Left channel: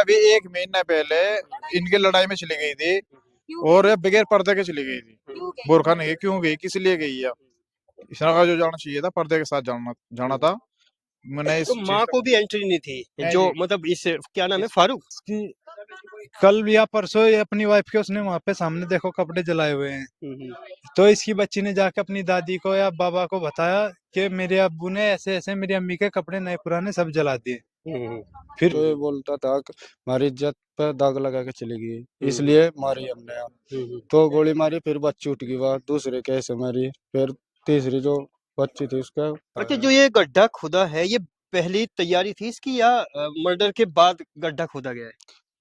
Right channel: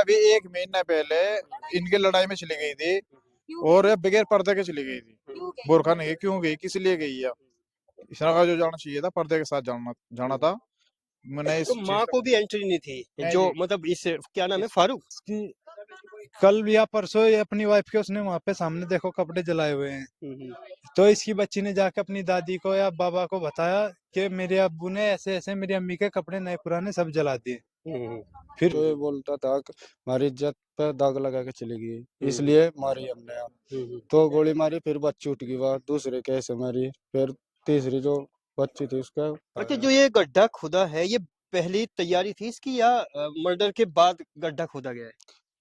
अभी 1 महीना पहले इनकी लड़ाई में चली गई थी, और ये बगैर पर्दे के चली गई थी। बुरखा नहीं, क्यों गई, किस लिए गई है? इसका जो जाना चाहिए था, पर्दे के साथ जाना जाना था। मैंने तो इस चीज माँ का को भी एंट्री नहीं थी, नहीं जो जी, मतलब इस क्या नाम है, फारूक। इसकी कल या परसों ये अपनी वाइफ के उसने वहां पे सामने देखो कपड़े जलाए हुए हैं, हम्म, तो इसकी बच्ची ने जाके अपनी दादी को या बाबा को बताया कि मेरे अब्बू ने ऐसे ऐसे मेरी अम्मी के कपड़े नए पुराने सब जला दिए। हम्म, फिर तो ये बोलता था कि हमारी इज्जत पे दाग लगा के चली गई, हम्म, इसलिए मारी हमने। हम्म। तो गोली मारी, फिर बच्ची उठ गई, बात दूसरे कैसे मारी, फिर तीसरी जो बच्ची थी उसका अच्छा, जो ये गड्ढा खुदा है, ये पहली तैयारी थी इसकी या मर्डर के बाद गड्ढा खोदा गया है?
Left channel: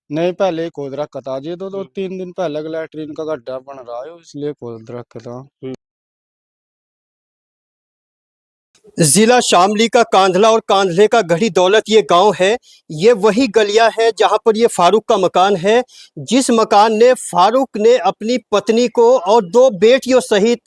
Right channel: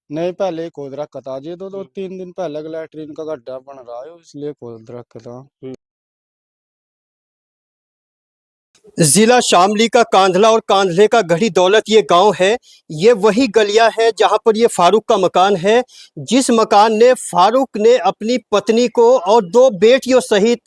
नहीं, पहले ही खोद रखा था जी। तो हम्म, 3 दिन पहले लैट्रीन का गड्ढा बन रहा है, इसलिए खोद रखा था। हम्म। जिला शामली का कांधला और कांधले का गढ़ी दौलत ये गांव है। ये वही गलियां है जहां पर ये फारूक का मकान है, जिस मकान ने फारूक ने अपनी पत्नी को और दो बेटियों सहित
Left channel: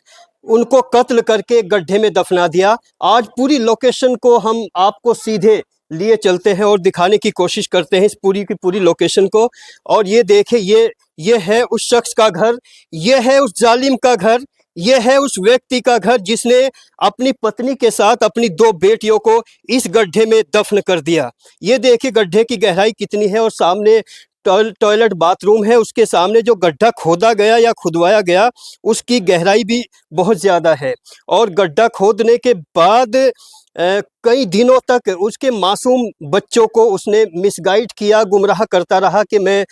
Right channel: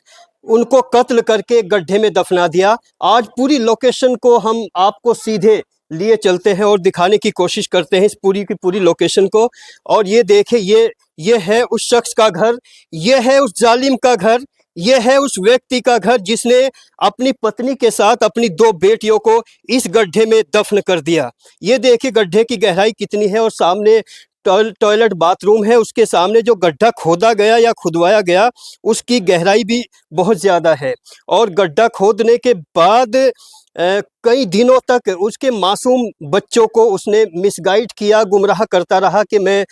उनको कत्ल करके गड्ढे में दफना दिया। आज पूरी लोकेशन को हम आपको सीधे लिए चलते हैं और दिखाने की कोशिश करते हैं इस पूरी की पूरी लोकेशन को। और ये देखें, ये है उस शख्स का घर, ये है उस जालिम का घर, ये है उस व्यक्ति का घर जिसने अपनी पत्नी के साथ अपनी दो बेटियों को इस गड्ढे में दफन कर दिया। ये देखिए गड्ढे की गहराई कितनी है, और सामने टॉयलेट बाथरूम है, उसके सामने जो गड्ढा खोदा गया या खुदवाया गया उसकी गहराई भी बहुत ज़्यादा है। और गड्ढा खोदने के बाद कई दिनों तक उसके मासूम बच्चों को उसने मिसगाइड किया, गुमराह करता रहा कि मैं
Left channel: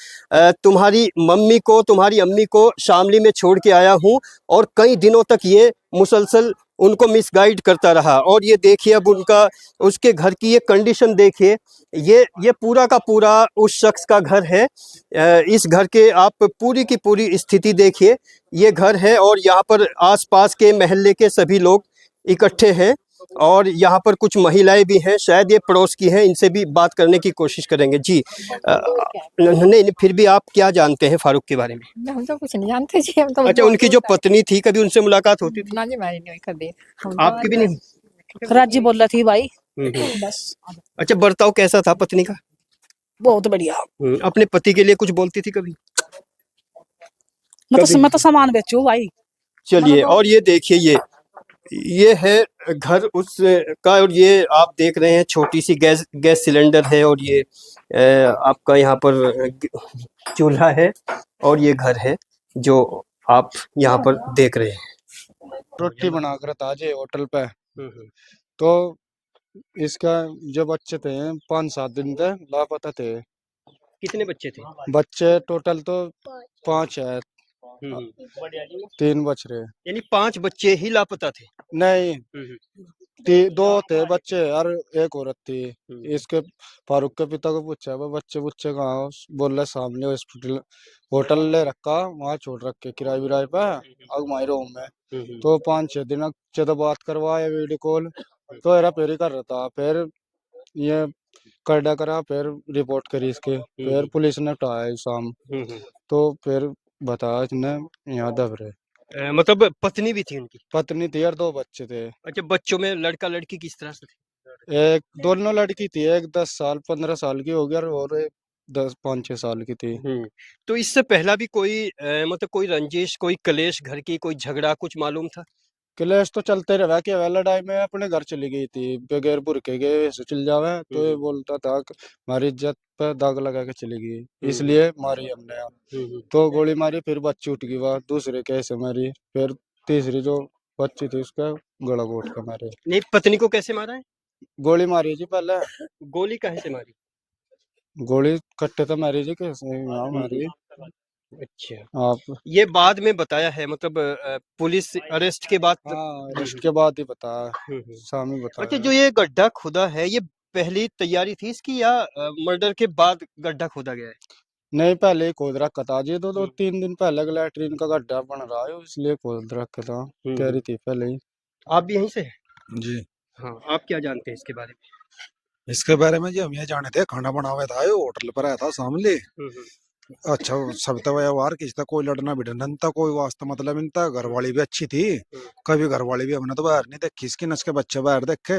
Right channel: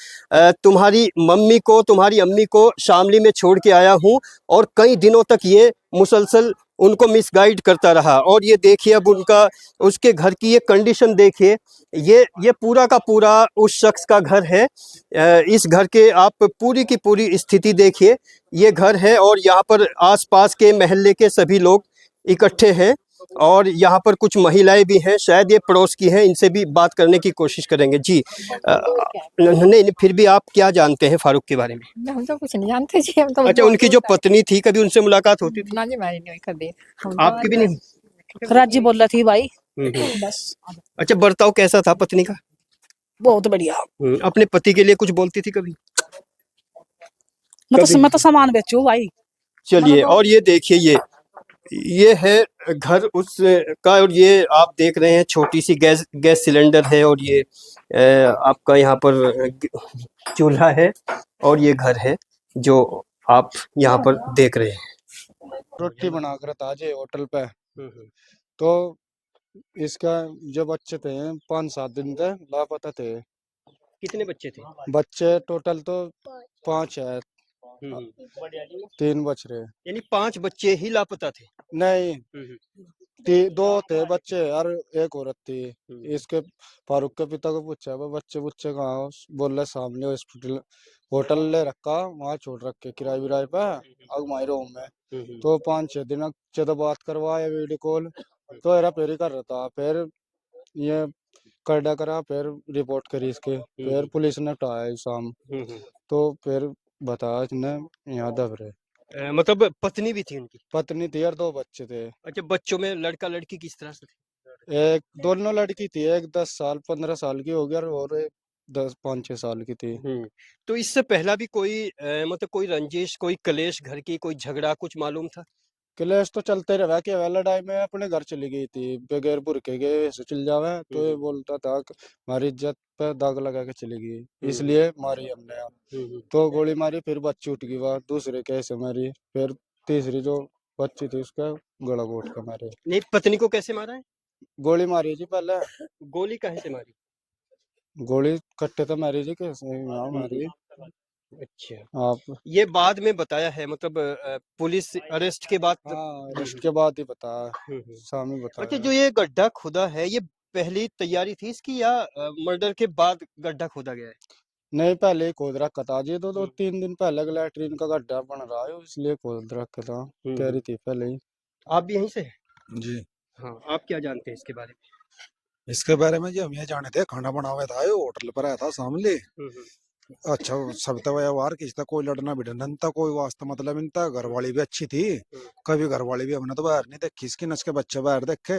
तुम्हारी मम्मी को, तुम्हारी अम्मी को शामली में छोड़ के आया हूँ। और कई दिनों तक ये मुसलसल उनको मिसगाइड करता रहा। और ये देखिए अब उनका, उसके घर की ये कंडीशन देखिए, ये पूरा का पूरा उस शख्स का घर है। इस घर के आप पूरी की पूरी स्थिति देखिए, ये घर है और यहाँ पर आसपास के मोहल्ले के सभी लोग इकट्ठे हैं, और यहाँ पर कुछ महिलाएं भी हैं, शायद ये पड़ोस की हैं, इनसे भी बात करने की कोशिश करेंगे। जी नहीं, फिर भी आप क्या जानते हैं फारूक के बारे में? हम तो कुछ नहीं जानते जी, हम तो अच्छा, उनकी जो पत्नी थी, कभी उनसे मुलाकात होती थी? ना जी, हमारी नहीं हुई कभी। आपकी भी नहीं? राजी बोल रही थी भाई, बस। अच्छा, बर्ताव कैसा था पत्नी का? बहुत बढ़िया। अपने पति के लिए कुछ बोलती थी कभी? मैं तो सामान बेचू भाई। चलिए, और ये देखिए, ये है घर उस का, और ये आप देख रहे हैं छोटी सी गैस सिलेंडर है, और ये आपका यहाँ पर चूल्हा है, और ये घर है जो आप यहाँ पर देख रहे हैं। रोटी बनाकर था जी होटल पे। तो इसका जो बच्चे थे 5-7 दिन तक लापता थे। कितने बच्चे थे? बच्चे टोटल तो 5 है, 3 बच रहे। यानी 5 बच्चे ही लापता थे? नहीं, 2 थे बच्चे और एक औरत थी। इसके फारूक के पिता को पूछा, वो बच्चे बुच्चे कहाँ? बोल रहे सामने हॉस्पिटल, होटल ले रखा, वहाँ छोड़ रखे किराए विराए पे अगमाई रूम में। तो 5-6 दिन तो बात करवाया वीडियो कॉल, तो हेरा फेरी कर रहा था। फिर ये करडा करा, फिर रिपोर्ट करी इसकी, फिर पुलिस ने उठाया शाम। तो फिर बताया इसने यहाँ दब रहे। मतलब पत्नी भी थी उनकी? पत्नी थी और 2 बच्चे थे। अच्छा, बच्चों में लड़का लड़की किस तरह से थे? एक दोनों लड़की थी, एक 10 साल 15 साल की हो गया, और एक 10-5-6 साल की थी। तो इससे पहला भी कोई मतलब कोई रंजिश, कोई कलेश, घर की कोई झगड़ा कुछ मालूम था? क्लेश तो चलते रहा कि वह लड़ाई में अपने घर चली गई थी बगैर बुरके के, ऐसे चल जावे। तो ये बोलता था कि हमारी इज्जत पे दाग लगा के चली गई, इसलिए मारी हमने। तो गोली मारी, फिर बच्ची उठ गई, बात दूसरे कैसे मारी, फिर तीसरी जो बच्ची थी उसका गला घोट के मारे। नहीं, पत्नी को कैसे मारा है? गोली मारी जी पहले। गोली काहे से मारी? गोली कट्टे तो मारी जी, कैसे यहाँ मारी अच्छा, आप? ये बाद में बताया है, मतलब पुलिस अरेस्ट के बाद? हाँ, अरेस्ट के बाद ही बता, शामी अच्छा, बता। जो ये गड्ढा खुदा है, ये पहली तैयारी थी इसकी या मर्डर के बाद गड्ढा खोदा गया है? नहीं, पहले ही खोद रखा था जी। तो 3 दिन पहले लैट्रीन का गड्ढा बन रहा है, इसलिए खोद रखा था, कह रही थी पहले ही। आप भी यहीं से हैं? जी, हाँ, आप क्या जानते हैं इसके बारे इसके बारे में जी हम ये जाने थे, खाना बना हुआ था, ये होटल पर आया था सामने। में? अच्छा, सब तो व्यवहार किसका, कोई लड़ना भिड़ना नहीं था, कोई वास्ता मतलब नहीं था। घर वाली भी अच्छी थी, कभी घर वाली भी हमने तो बाहर नहीं देखी इसकी, नस के बच्चे बाहर देखे।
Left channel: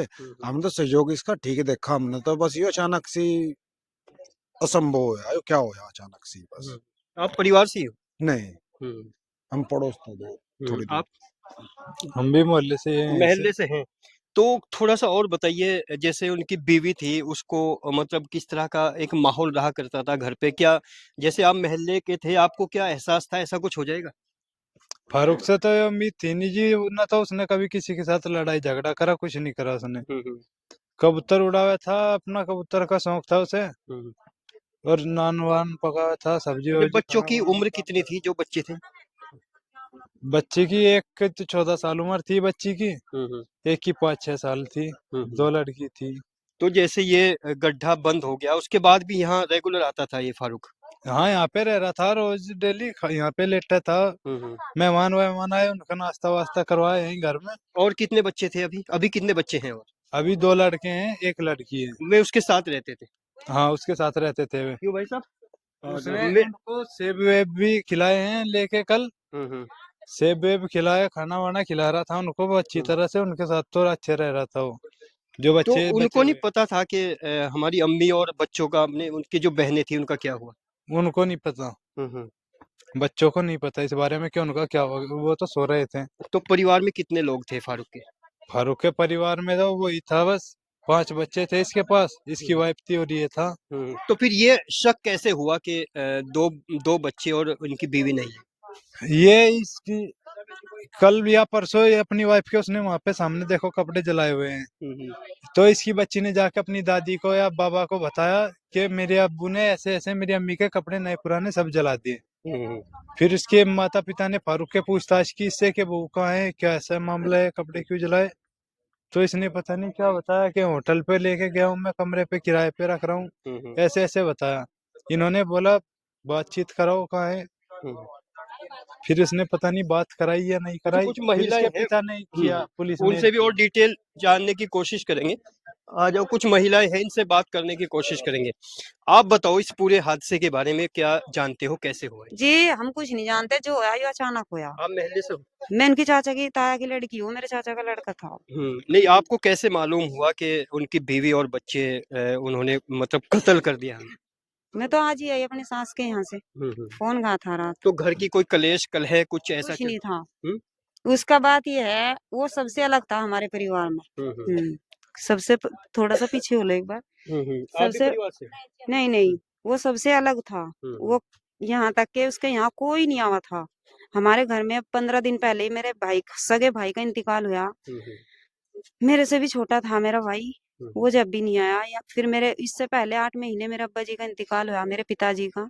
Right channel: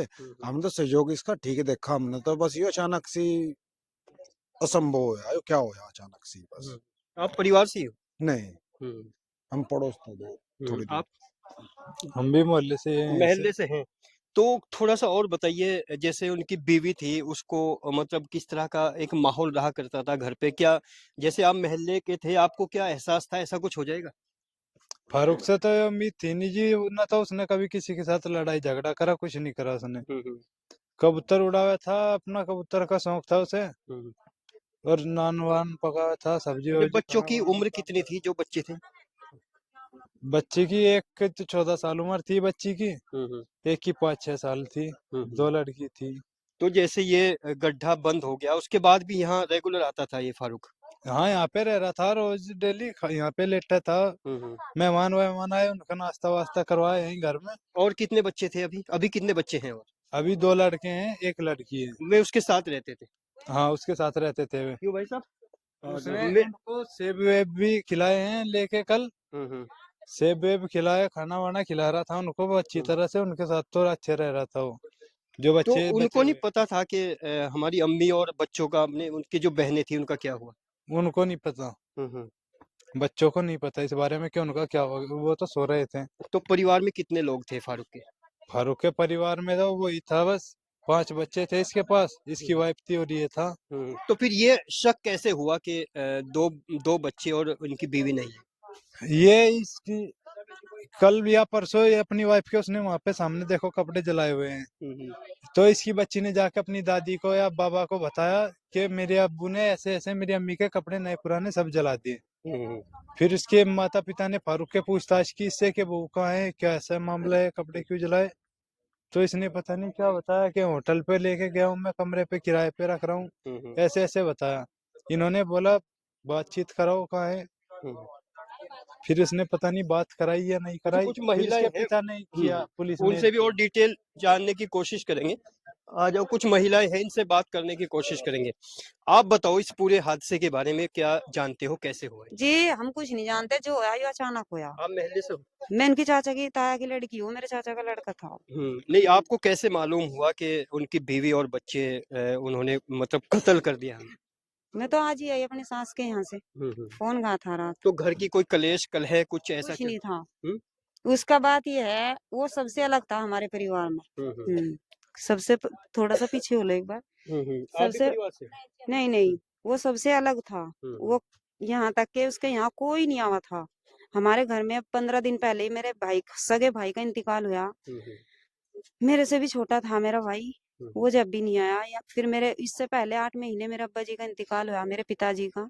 हमने तो सहयोग इसका ठीक ही देखा, हमने तो बस ये अचानक सी असंभव है क्या होया अचानक से बस। आप परिवार से ही हो? नहीं, हम पड़ोस थे दो थोड़ी दूर। आप हम भी मोहल्ले से हैं महल्ले से हैं। तो थोड़ा सा और बताइए, जैसे उनकी बीवी थी उसको मतलब किस तरह का एक माहौल रहा करता था घर पे? क्या जैसे आप महल्ले के थे, आपको क्या एहसास था ऐसा कुछ हो जाएगा? फारूक से तो ये उम्मीद थी नहीं जी, ना तो उसने कभी किसी के साथ लड़ाई झगड़ा करा, कुछ नहीं करा उसने। कबूतर उड़ाया था, अपना कबूतर का शौक था उसे, और नान वान पकाया था, सब्जी ये वब्जी बच्चों खाना की बनाया उम्र था। कितनी थी जो बच्चे थे? बच्ची की एक की तो 14 साल उम्र थी बच्ची की, एक की 5-6 साल थी, दो लड़की थी। तो जैसे ये गड्ढा बंद हो गया उसके बाद भी यहाँ रेगुलर आता था ये फारूक? हाँ, यहाँ पे रह रहा था, रोज डेली यहाँ पे लेटा था। मेहमान वहमान आए, उनका नाश्ता वास्ता करवाए यहीं घर में। और कितने बच्चे थे अभी? अभी कितने बच्चे हैं? और अभी 2 लड़के हैं, एक लड़की है। वे उसके साथ रहते थे? हाँ, उसके साथ रहते थे वे। क्यों भाई साहब? उसने मैं उनको सेब वेब भी खिलाए हैं लेके कल। सेब वेब खिलाया, खाना वाना खिला रहा था उनको वो अच्छी तरह से, उनके साथ तो अच्छे रह रहा था वो, जो तो बच्चे बचे उनको नहीं हुए। पता था कि हमारी अम्मी और बच्चों का अपने उनकी जो बहनें थी उनका क्या हुआ? उनको नहीं पता, हम्म। बच्चों को नहीं पता इस बारे में कि उनका क्या हुआ, वो तो सो रहे थे। तो परिवार में कितने लोग थे फारूक के? फारूक के परिवार में तो वही था बस, 5 बच्चे थे इसके पास, इसकी वाइफ थी और ये था। तो फिर ये शक कैसे हुआ कि दो दो बच्चे और उनकी बीवी नहीं है? ये इसकी कल या परसों ये अपनी वाइफ के उसने वहां पे सामने देखो कपड़े जलाए हुए हैं, तो इसकी बच्ची ने जाके अपनी दादी को या बाबा को बताया कि मेरे अब्बू ने ऐसे ऐसे मेरी अम्मी के कपड़े नए पुराने सब जला दिए। फिर इसके माता पिता ने फारूक के पूछताछ की इससे कि वो कहाँ है, क्या ऐसा मामला है, कपड़े क्यों जलाए। तो इसने पता नहीं क्या बताया कि होटल पे लेके गया हूँ मैं, कमरे पे किराए पे रख रहा हूँ, ऐसे ऐसे बताया। इन्होंने बोला बातचीत कराओ कहाँ है। फिर इसने पता नहीं बात कराई या नहीं तो कराई, कुछ फिर महिलाएं इसके हैं, पिता ने किया, पुलिस ने उनसे भी और डिटेल जानने की कोशिश करेंगे। आ जाओ, कुछ महिलाएं हैं, इनसे बात करने की कोशिश करेंगे। आप बताओ इस पूरे हादसे के बारे में क्या जानते हो, कैसे हुआ है? जी हम कुछ नहीं जानते, जो होया ये अचानक होया। आप महल्ले से हो? मैं इनकी चाचा की ताया की लड़की हूँ, मेरे चाचा का लड़का था। नहीं, आपको कैसे मालूम हुआ कि उनकी बीवी और बच्चे उन्होंने मतलब कत्ल कर दिया? मैं तो आज ही आई अपनी सास के यहाँ से, फोन कहा था रात। तो घर की कोई कलेश कलह कुछ ऐसा कुछ नहीं था। हम्म? उसका बात ये है, वो सबसे अलग था हमारे परिवार में। सबसे थोड़ा सा पीछे हो लो एक बार। आप भी सबसे परिवार से? नहीं नहीं, वो सबसे अलग था। वो यहाँ तक के उसके यहाँ कोई नहीं आवा था। हमारे घर में 15 दिन पहले ही मेरे भाई, सगे भाई का इंतकाल हुआ। मेरे से भी छोटा था मेरा भाई, वो जब भी नहीं आया। या फिर मेरे इससे पहले 8 महीने मेरे अब्बा जी का इंतकाल हुआ, मेरे पिताजी का,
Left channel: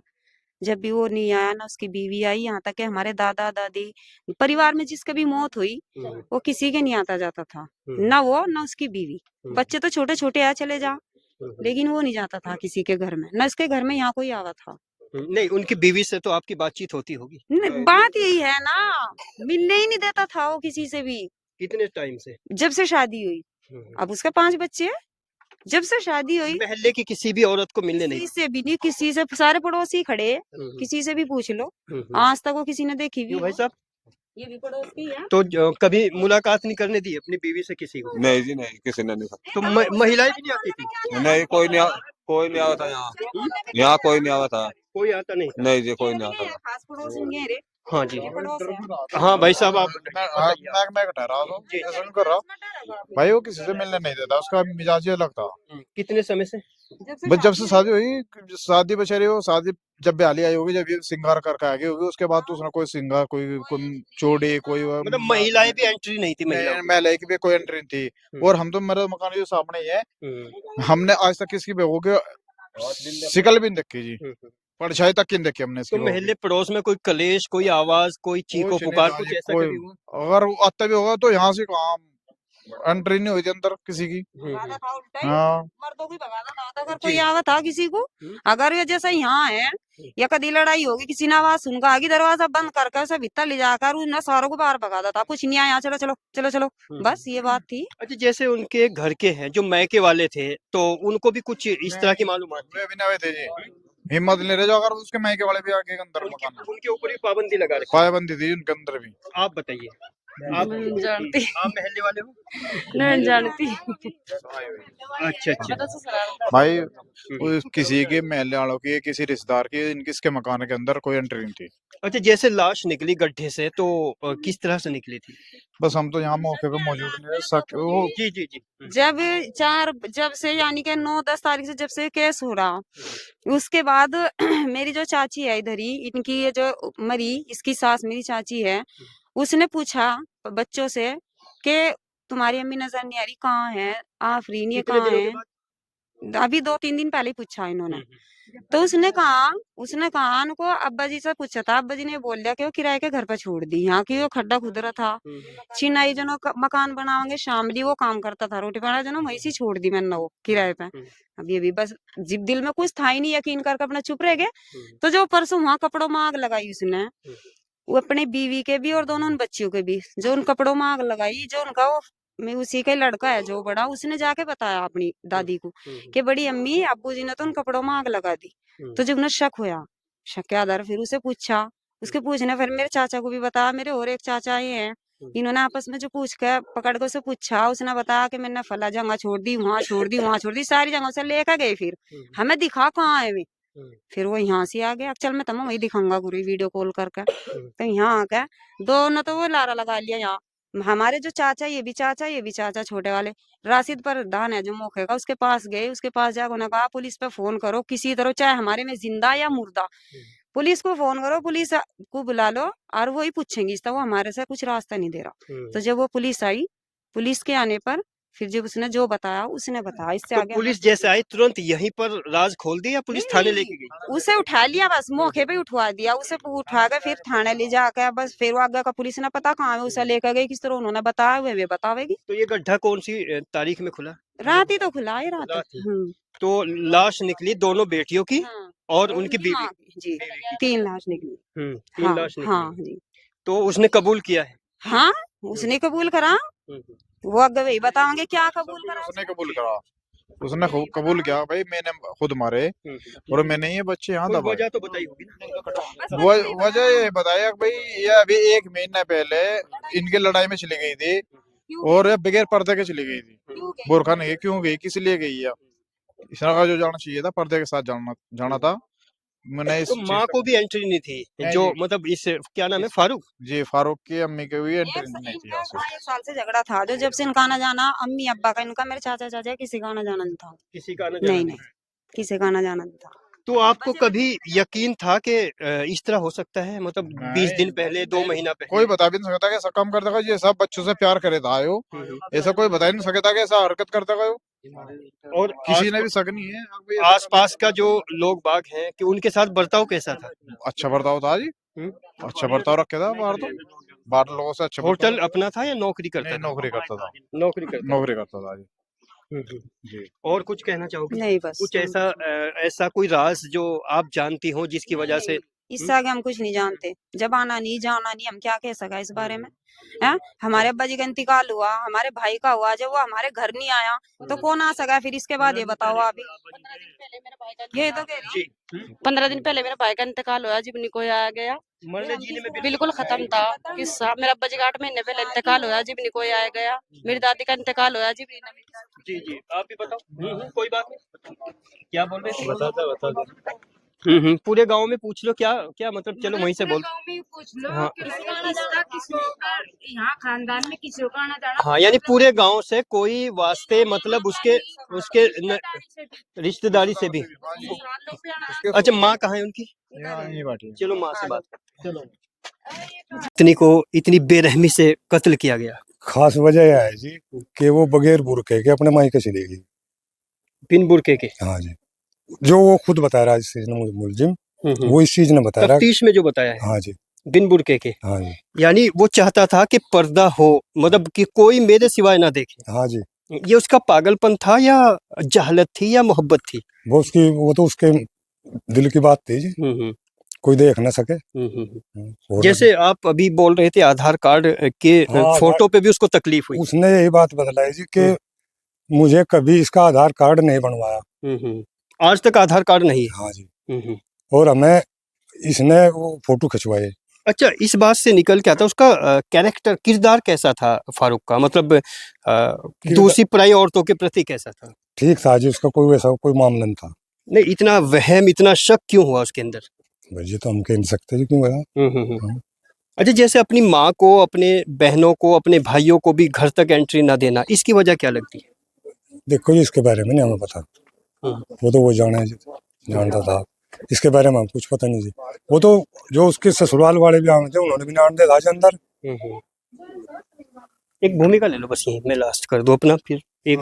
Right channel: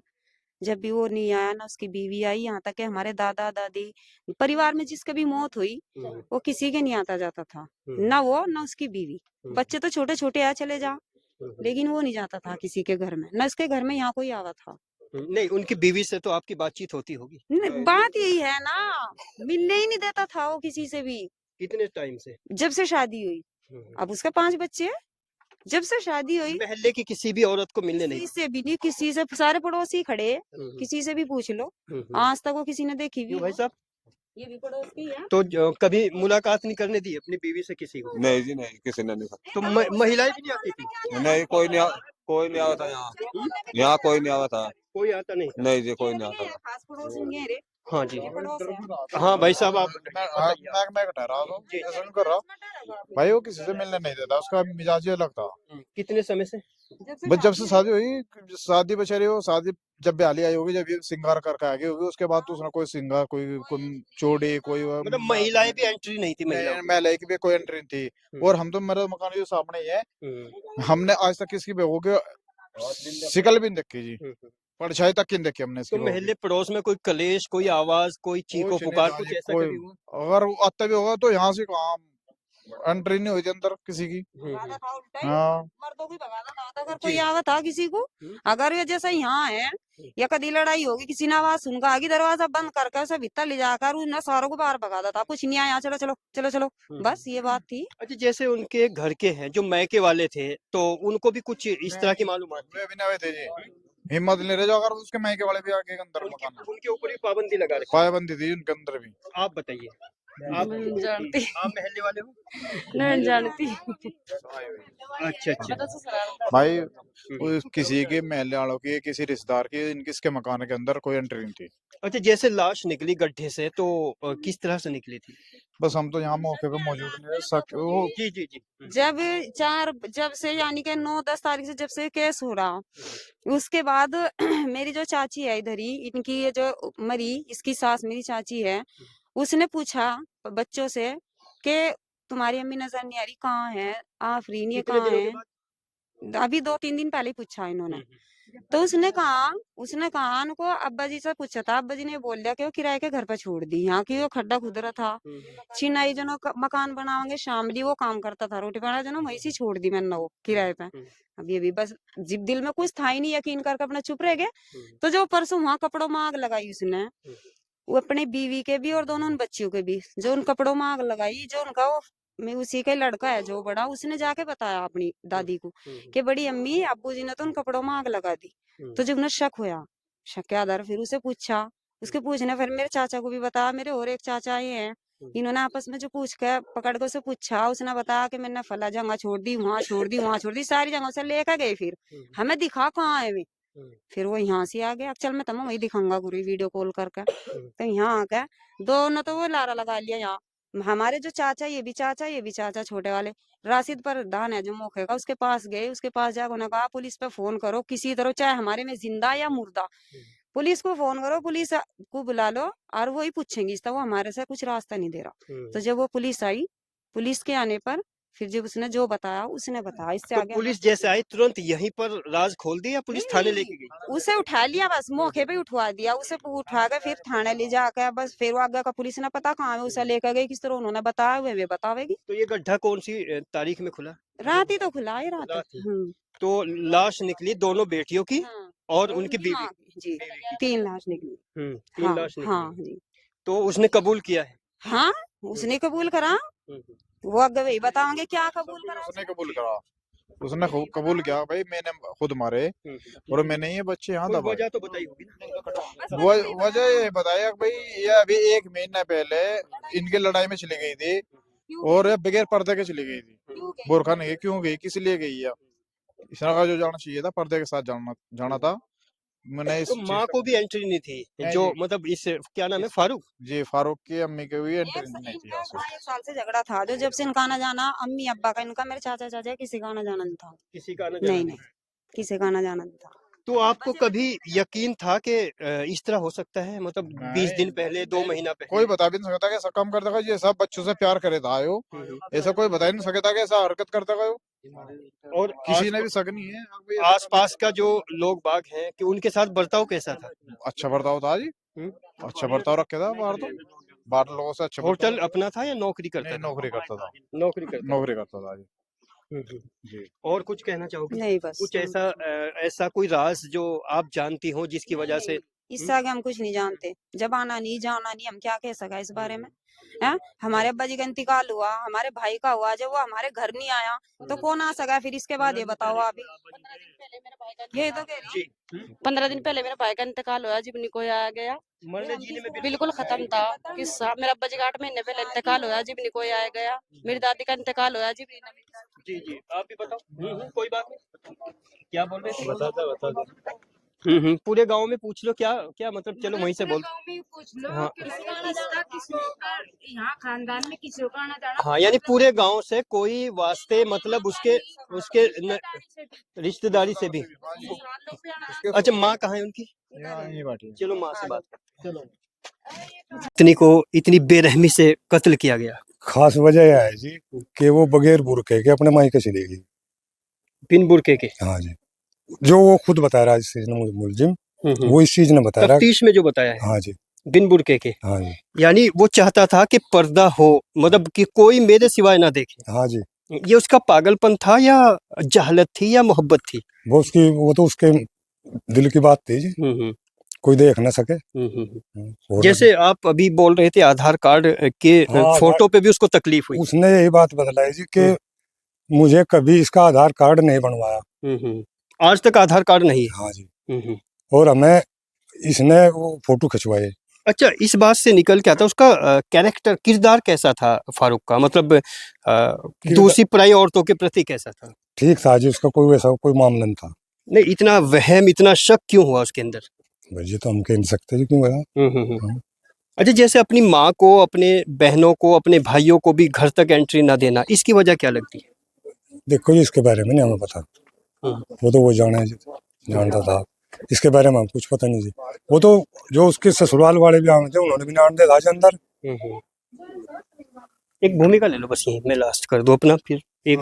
जब भी वो नहीं आया ना उसकी बीवी आई। यहाँ तक कि हमारे दादा दादी परिवार में जिसकी भी मौत हुई, वो किसी के नहीं आता जाता था, ना वो ना उसकी बीवी। बच्चे तो छोटे छोटे आ चले जा, लेकिन वो नहीं जाता था किसी के घर में, ना इसके घर में यहाँ कोई आवा था। नहीं, उनकी बीवी से तो आपकी बातचीत होती होगी? बात यही है ना, मिलने ही नहीं देता था वो किसी से भी। कितने टाइम से? जब से शादी हुई, अब उसके 5 बच्चे हैं। जब से शादी हुई महल्ले की किसी भी औरत को मिलने नहीं? किसी से भी नहीं, किसी से, सारे पड़ोसी खड़े हैं, किसी से भी पूछ लो, आज तक वो किसी ने देखी भी। भाई साहब, ये भी पड़ोसी है। तो कभी मुलाकात नहीं करने दी अपनी बीवी से किसी को? नहीं जी नहीं, किसी ने नहीं। तो महिलाएं भी नहीं आती थी? नहीं, कोई नहीं आता यहाँ, यहाँ कोई नहीं आता। कोई आता नहीं? नहीं जी, कोई नहीं आता। खास पड़ोसी नहीं है रे, हाँ जी, ये पड़ोस है। हाँ भाई साहब, आप मैं ठहरा हूँ, ऐसा नहीं कर रहा भाई, वो किसी से मिलने नहीं देता, उसका मिजाज ही अलग था। कितने समय से? बस जब से शादी हुई, शादी बेचारी हो, शादी जब ब्याली आई होगी, जब ये श्रृंगार करके आ गई होगी, उसके बाद तो उसने कोई श्रृंगार, कोई चोड़ी, कोई मतलब महिलाएं भी एंट्री नहीं थी महिलाओं की? महिला की भी कोई एंट्री नहीं थी। और हम तो, मेरे मकान जो सामने ही है, हमने आज तक किसी बहू के शिकल भी नहीं देखी जी, परछाई तक की नहीं देखी हमने इसकी तो बहू की। महल्ले पड़ोस में कोई कलेश, कोई आवाज, कोई चीखो कुछ नहीं पुकार, था कुछ जी, ऐसा कोई कभी हुआ? अगर वो आता भी होगा तो यहाँ से कहाँ एंट्री नहीं हुई थी अंदर किसी की। भगाता था उल्टा ही, हाँ, मर्दों को भगाता था। अगर कोई आवा था किसी को, अगर ये जैसे यहाँ है, या कभी लड़ाई होगी, किसी ने आवाज सुनकर आगे दरवाजा बंद करके उसे भीतर ले जाकर उन सारों को बाहर भगाता था। कुछ नहीं आया, चलो चलो चलो चलो, बस ये बात थी। अच्छा, जैसे उनके घर के हैं जो मैके वाले थे, तो उनको भी कुछ इस तरह की मालूमात थी? वे भी नहीं हुए थे जी, हिम्मत ले रहे जो, अगर उसके मायके वाले भी आके अंदर मकान में, उनके ऊपर भी पाबंदी लगा रखी? पाबंदी थी उनके अंदर भी। आप बताइए। आप नहीं जानती, आप मोहल्ले वाले हो? नहीं जानती। अच्छा अच्छा। भाई वो किसी के महल्ले वालों की किसी रिश्तेदार की किसके मकान के अंदर कोई एंट्री नहीं थी। अच्छा, जैसे लाश निकली गड्ढे से तो किस तरह से निकली थी? बस हम तो यहाँ मौके पे मौजूद नहीं वो जी जी जी। जब से यानी कि 9-10 तारीख से जब से केस हो रहा, उसके बाद मेरी जो चाची है इधर ही, इनकी ये जो मरी, इसकी सास मेरी चाची है, उसने पूछा बच्चों से कि तुम्हारी अम्मी नजर नहीं आ रही, कहाँ है आफरीन, ये कितने कहाँ दिनों के है? बाद? अभी 2-3 दिन पहले ही पूछा इन्होंने। हम्म। तो उसने कहा उनको, अब्बा जी से पूछा था, अब्बा जी ने बोल दिया कि वो किराए के घर पर छोड़ दी, यहाँ की वो खड्डा खुदरा था, चिनाई जनो मकान बनाओगे, शामली वो काम करता था, रोटी बना जनो वहीं से छोड़ दी मैंने वो किराए पे। अभी बस जिब दिल में कुछ था ही नहीं, यकीन करके अपना चुप रह गए। तो जो परसों वहां कपड़ों में आग लगाई उसने, वो अपने बीवी के भी और दोनों उन बच्चियों के भी, जो उन कपड़ों में आग लगाई, जो उनका वो मैं उसी का लड़का है जो बड़ा, उसने जाके बताया अपनी दादी को कि बड़ी अम्मी अब्बू जी ने तो उन कपड़ों में आग लगा दी। तो जब उन्हें शक होया, शक के आधार फिर उसे पूछा, उसके पूछने फिर मेरे चाचा को भी बताया, मेरे और एक चाचा ये हैं, इन्होंने आपस में जो पूछ के पकड़ के उसे पूछा, उसने बताया कि मैंने फला जगह छोड़ दी, वहां छोड़ दी, वहां छोड़ दी, सारी जगह से लेकर गए, फिर हमें दिखा कहाँ है वे। फिर वो यहाँ से आ गया, चल मैं तुम्हें वही दिखाऊंगा गुरु वीडियो कॉल करके। तो यहाँ आ गया, दोनों तो वो लारा लगा लिया यहाँ। हमारे जो चाचा, ये भी चाचा, ये भी चाचा, छोटे वाले राशिद पर दान है जो मौके का, उसके पास गए, उसके पास जाकर उन्होंने कहा पुलिस पे फोन करो किसी तरह, चाहे हमारे में जिंदा या मुर्दा, पुलिस को फोन करो, पुलिस को बुला लो और वो ही पूछेंगी, इसका वो हमारे से कुछ रास्ता नहीं दे रहा। तो जब वो पुलिस आई, पुलिस के आने पर फिर जब उसने जो बताया, उसने बताया, इससे तो आगे पुलिस जैसे आई तुरंत यहीं पर राज खोल दी या पुलिस थाने नहीं, लेके गई? उसे उठा लिया, बस मौके पे उठवा दिया, उसे उठा कर फिर थाने ले जाकर, बस फिर वो आगे का पुलिस ने पता कहाँ है उसे लेकर गई, किस तरह उन्होंने बताया हुए वे बतावेगी। तो ये गड्ढा कौन सी तारीख में खुला? रात ही तो खुला है, रात रात ही। ही। तो लाश निकली दोनों बेटियों की हाँ, और और उनकी उनकी बीवी माँ की, जी 3 लाश निकली। तीन हाँ लाश हाँ निकली। जी। तो उसने कबूल किया है? हाँ, उसने कबूल करा, हम्म, वो आगे वही बताओगे क्या कबूल करा उसने कबूल करा, उसने कबूल किया भाई मैंने खुद मारे और मैंने ये बच्चे यहाँ कोई दबाए। वजह तो बताई होगी ना? वजह ये बताया कि भाई ये अभी 1 महीना पहले इनकी लड़ाई में चली गई थी और ये बगैर पर्दे के चली गई थी। बुरखा नहीं, क्यों गई, किस लिए गई है? इस तरह का जो जाना चाहिए था, पर्दे के साथ जाना था। मैंने इस तो चीज माँ का को भी एंट्री नहीं थी, नहीं जो जी, मतलब इस क्या नाम है, फारूक? जी फारूक की अम्मी के भी एक एंट्री नहीं थी यहाँ से। इनका 1 साल से झगड़ा था, जो जब से इनका आना जाना, अम्मी अब्बा का, इनका, मेरे चाचा चाचा किसी का आना जाना नहीं था। किसी का आना जाना नहीं नहीं। नहीं, किसी का आना जाना नहीं था। तो आपको कभी यकीन था कि इस तरह हो सकता है, मतलब 20 दिन पहले, 2 महीना कोई पहले? बता भी नहीं सकता कि ऐसा काम कर देगा, ये सब बच्चों से प्यार करे था आयो, ऐसा कोई बता ही नहीं सकता कि ऐसा हरकत करता गयो, और किसी ने भी शक नहीं है। अब ये आसपास का जो लोग बाग हैं कि उनके साथ बर्ताव कैसा था? अच्छा बर्ताव था जी, हम्म? अच्छा बर्ताव रखे था बाहर, तो बाहर लोगों से अच्छा होटल बर्ताव। अपना था या नौकरी करता नहीं था? नौकरी करता था, नौकरी करता नौकरी करता था जी। था। जी और कुछ कहना चाहोगे? नहीं बस कुछ ऐसा ऐसा कोई राज जो आप जानती हो जिसकी वजह से? इससे आगे हम कुछ नहीं जानते, जब आना नहीं जाना नहीं, हम क्या कह सका इस बारे में है। हमारे अब्बा जी का इंतकाल हुआ, हमारे भाई का हुआ, जब वो हमारे घर नहीं आया तो कौन आ सका फिर इसके बाद, ये बताओ आप ही। ये तो कह रही हूँ, 15 दिन पहले मेरे भाई का इंतकाल हुआ, जीवनी को आया गया, मरने जीने में बिल्कुल खत्म था किस्सा। मेरे अब्बा जी का 8 महीने पहले इंतकाल हुआ, जीवनी को आया गया। मेरी दादी का इंतकाल हुआ, जीवनी ने। जी जी, आप भी बताओ। कोई बात नहीं, क्या बोल रहे थे? बता पूरे गांव में पूछ लो, क्या क्या मतलब, चलो वहीं से बोल। गाँव में पूछ लो, हाँ। किसी का आना जाना, किसी का यहाँ खानदान में किसी का आना जाना। हाँ, यानी पूरे गांव से कोई वास्ते मतलब उसके उसके रिश्तेदारी से भी। अच्छा, माँ कहाँ है उनकी? यहाँ यहीं बैठी है। चलो माँ से बात करते हैं। चलो। इतनी को इतनी बेरहमी से कत्ल किया गया, खास वजह यह है जी कि वो बगैर बुरके के अपने मायके चली गई। बिन बुरके के? हाँ जी, जो वो खुद बता रहा है, इस चीज ने मुलजिम वो इस चीज ने बता रहा है। तफ्तीश में जो बताया है, हाँ जी, बिन बुरके के। हाँ जी, यानी वो चाहता था कि पर्दा हो, मतलब कि कोई मेरे सिवाय ना देखे। हाँ जी, ये उसका पागलपन था या जहलत थी या मोहब्बत थी? वो तो उसके दिल की बात थी जी, कोई देख ना सके। और जैसे आप अभी बोल रहे थे आधार कार्ड के हाँ, फोटो पे भी उसको तकलीफ हुई। उसने यही बात बतलाई जी कि मुझे कभी इसका आधार कार्ड नहीं बनवाया। आज तक आधार कार्ड नहीं है। हाँ जी, और हमें इसने वो फोटो खिंचवाए अच्छा, इस बात से निकल के आता उसका कैरेक्टर, किरदार कैसा था फारूक का? मतलब दूसरी पराई औरतों के प्रति कैसा था? ठीक था जी, उसका कोई वैसा कोई मामला नहीं था। नहीं, इतना वहम, इतना शक क्यों हुआ उसके अंदर? भाई ये तो हम कह नहीं सकते जी क्यों गया। हाँ। अच्छा, जैसे अपनी माँ को, अपने बहनों को, अपने भाइयों को भी घर तक एंट्री ना देना, इसकी वजह क्या लगती है? देखो जी, इसके बारे में नहीं हमें पता। वो तो वो जाने जी, जानता था। इसके बारे में हम कुछ पता नहीं जी। वो तो जो उसके ससुराल वाले भी आए थे उन्होंने भी नाम दिया था अंदर। एक भूमिका ले लो बस, यहीं मैं लास्ट कर दूं अपना, फिर एक